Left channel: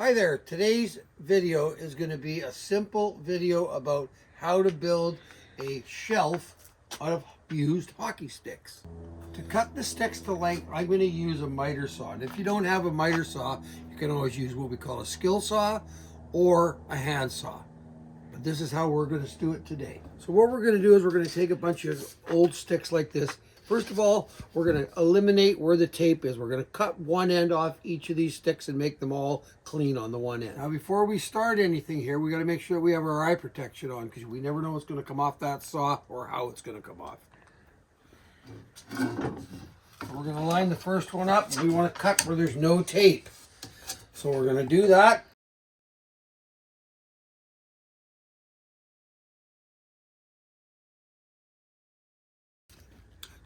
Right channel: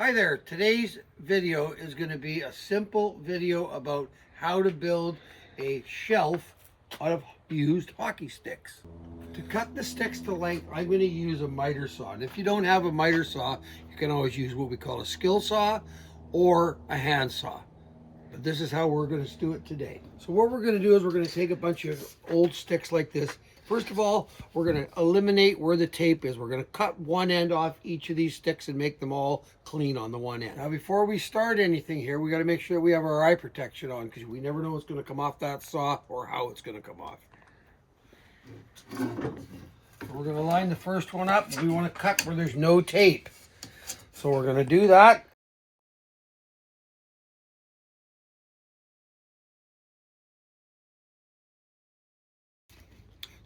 Hi there, today's video is going to be a simple video about how to build a shelf out of used hockey sticks. To cut the sticks to length, I'm going to use a miter saw. And if you don't have a miter saw, you can always use what we call a skill saw or a hand saw. But this is how we're going to do it today. So what we're going to do is we're going to take a bunch of old sticks like this. First of all, we're going to eliminate where the tape is. We're going to cut one end off each of these sticks and make them all clean on the one end. Now, before we start anything here, we got to make sure we have our eye protection on because we never know what's going to come off that saw or how it's going to come off. So we're going to line the first one up. We want to cut where there's no tape. So we're going to do that.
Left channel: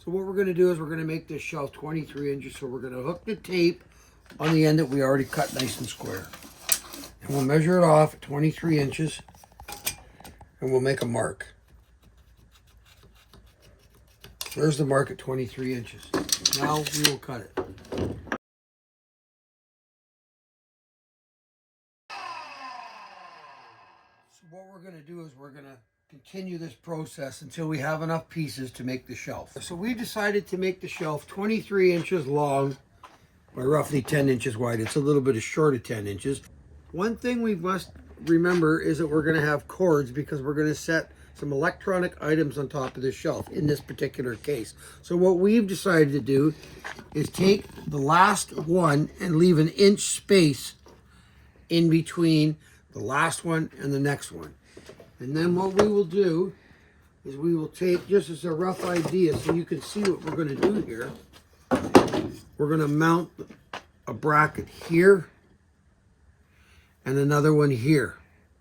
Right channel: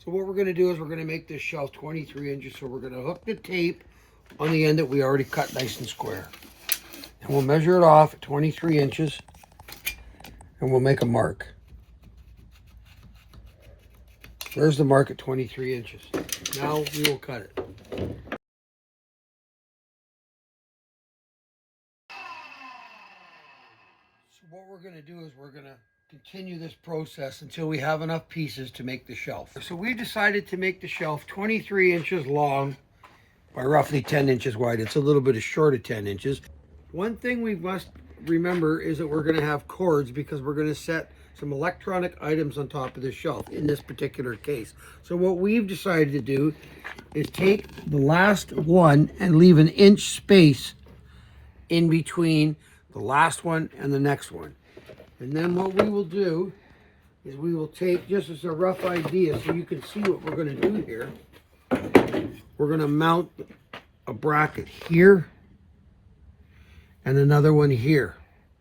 So what we're going to do is we're going to make this shelf 23 inches. So we're going to hook the tape on the end that we already cut nice and square. And we'll measure it off at 23 inches. And we'll make a mark. There's the mark at 23 inches. Now we will cut it. So what we're going to do is we're going to continue this process until we have enough pieces to make the shelf. So we decided to make the shelf 23 inches long by roughly 10 inches wide. It's a little bit short of 10 inches. One thing we must remember is that we're going to have cords because we're going to set some electronic items on top of the shelf in this particular case. So what we've decided to do is take the last one and leave an inch space in between the last one and the next one. And then what we will do is we will take, just as a rough idea so you can see what we're going to do here, we're going to mount a bracket here and another one here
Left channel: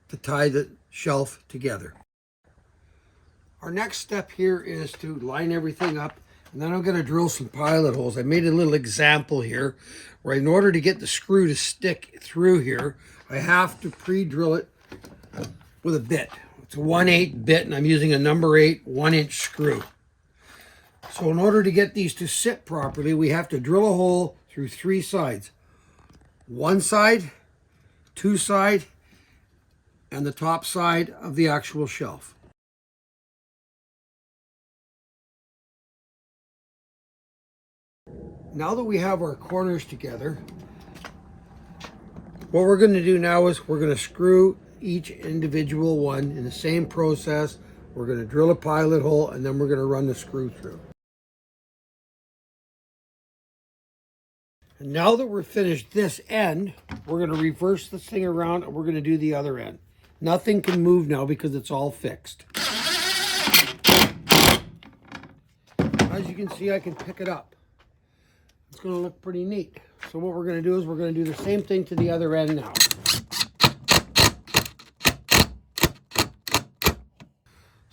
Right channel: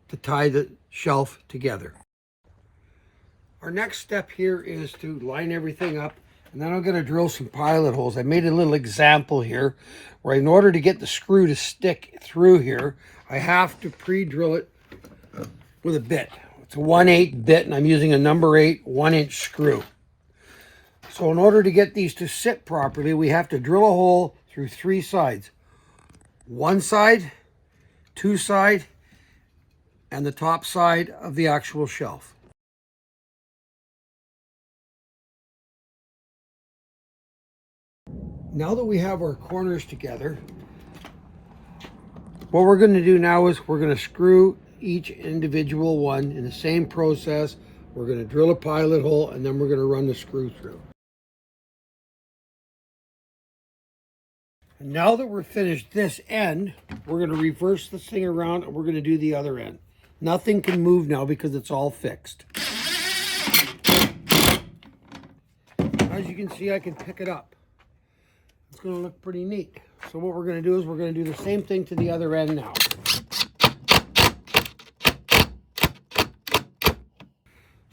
to tie the shelf together. Our next step here is to line everything up, and then I'm going to drill some pilot holes. I made a little example here where in order to get the screw to stick through here, I have to pre-drill it with a bit. It's a 1/8 bit, and I'm using a number 8 1-inch screw. So in order to get these to sit properly, we have to drill a hole through 3 sides. One side, 2 side, and the top side of the actual shelf. Now that we have our corners together, what we're going to do now is we're going to screw each individual one in the same process. We're going to drill a pilot hole and then we're going to run the screw through. And now that we're finished this end, we're going to reverse this thing around and we're going to do the other end. Nothing can move now because it's all fixed. As you can see, I can pick it up. It's going to look pretty neat. So what we're going to do is we're going to do the same thing to the other end now.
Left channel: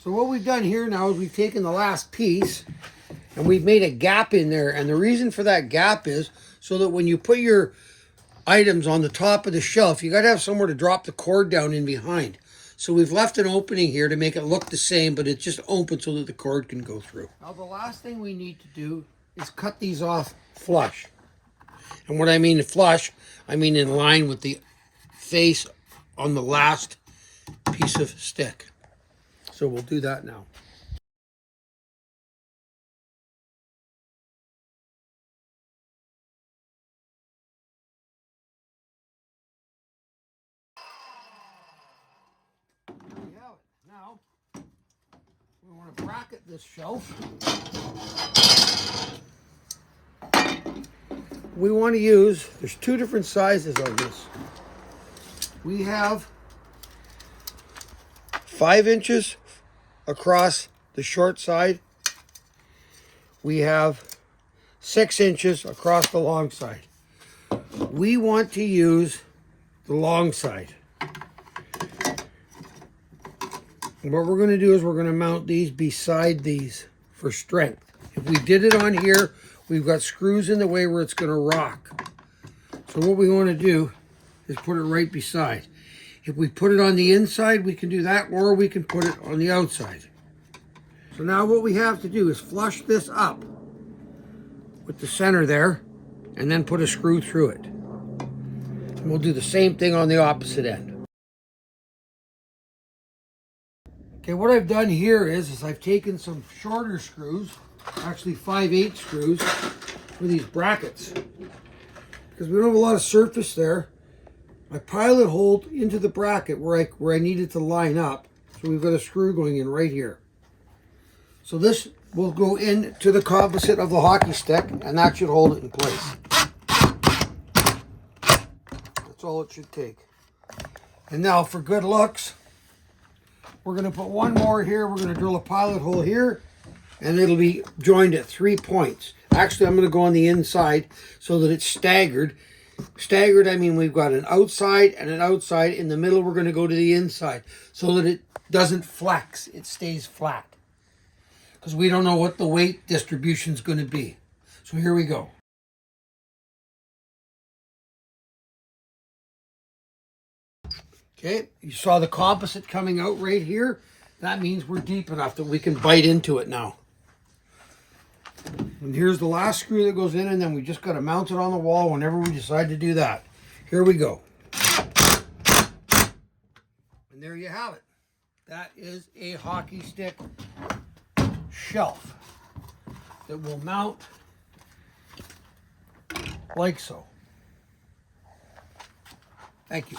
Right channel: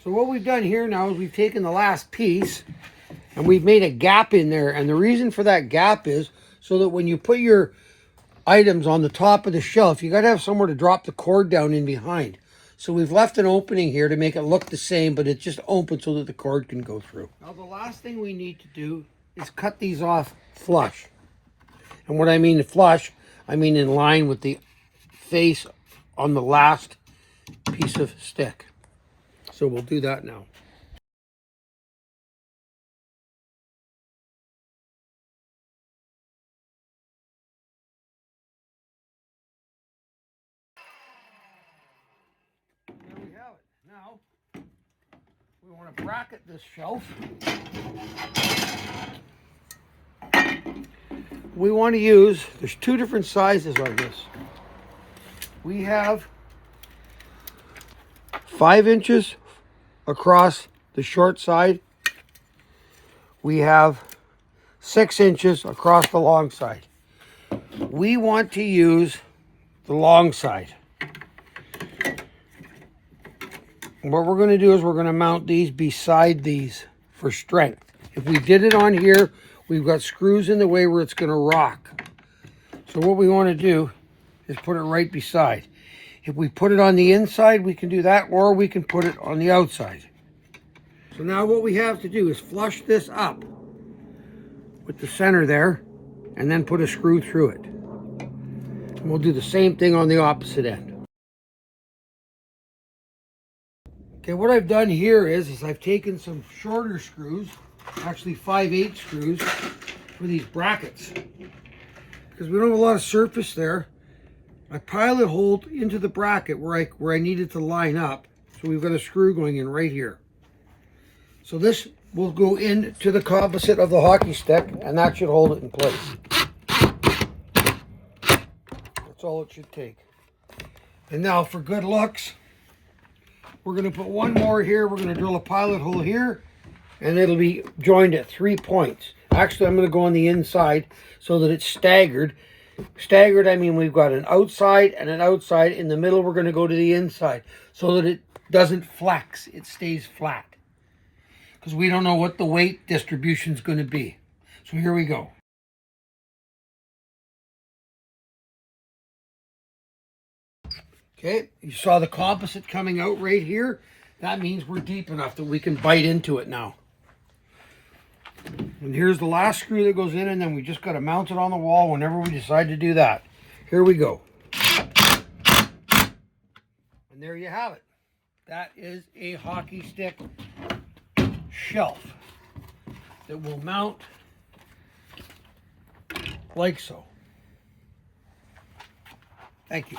So what we've done here now is we've taken the last piece and we've made a gap in there. And the reason for that gap is so that when you put your items on the top of the shelf, you got to have somewhere to drop the cord down in behind. So we've left an opening here to make it look the same, but it's just open so that the cord can go through. Now the last thing we need to do is cut these off flush. And what I mean flush, I mean in line with the face on the last piece of stick. So we'll do that now. There we have it. Now, we want to bracket this shelf. We want to use, there's 2 different sizes on this. We have 5 inches across the short side. We have 6 inches across the long side. We want to use the long side. And what we're going to do is we're going to mount these beside these for strength. If we did it on here, we've got screws in the way where it's going to rock. So what we want to do is put it right beside. If we put it on the inside, we can do that, or we can put it on the outside. So now what we have to do is flush this up with the center there, and then put a screw through it. We'll do the same thing on the opposite end. Okay, what I've done here is I've taken some shorter screws, actually 5/8 screws for these brackets. Because we don't have a lot of surface there, I pilot hole into the bracket where I needed to line up. So we've got a screw going in right here. So this will go into the composite of the hockey stick, and that should hold it in place. That's all it should take. And now for good looks, we're going to put one more here. We're going to drill a pilot hole here, and it'll be joined at 3 points. Actually, I'm going to go on the inside so that it's staggered. Staggered, I mean we've got an outside and an outside. In the middle, we're going to go to the inside so that it doesn't flex. It stays flat. Because we don't know what the weight distribution is going to be. So here we go. Okay, you saw the composite coming out right here. That means we're deep enough that we can bite into it now. And here's the last screw that goes in, and then we just got to mount it on the wall whenever we decide to do that. Here we go. And there you have it. That is a hockey stick shelf that will mount like so. Thank you.